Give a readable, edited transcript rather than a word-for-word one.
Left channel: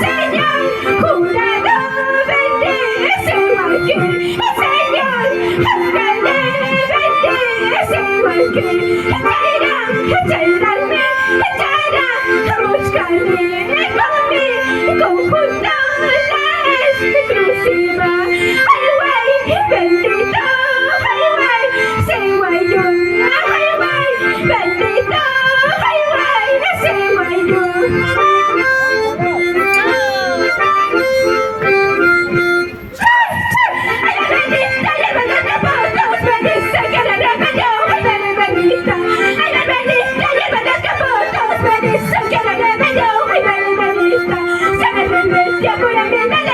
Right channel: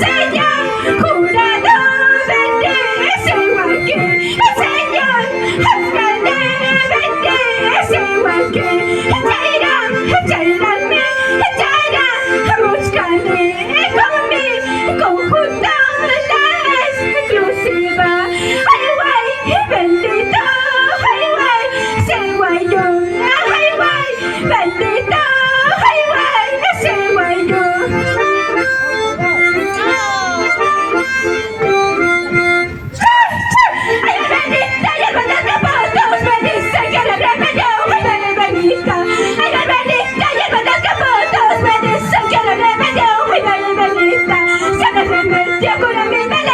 Señor, jurado, bendice igual que el Señor, alcalde, bendice igual que Jairame, búscame conjunto la exclusiva. Ay, güey, bendito, ay, güey, ese guayo, ay, güey, bendito, ay, güey, ese guayo. Se me remetió con la vida.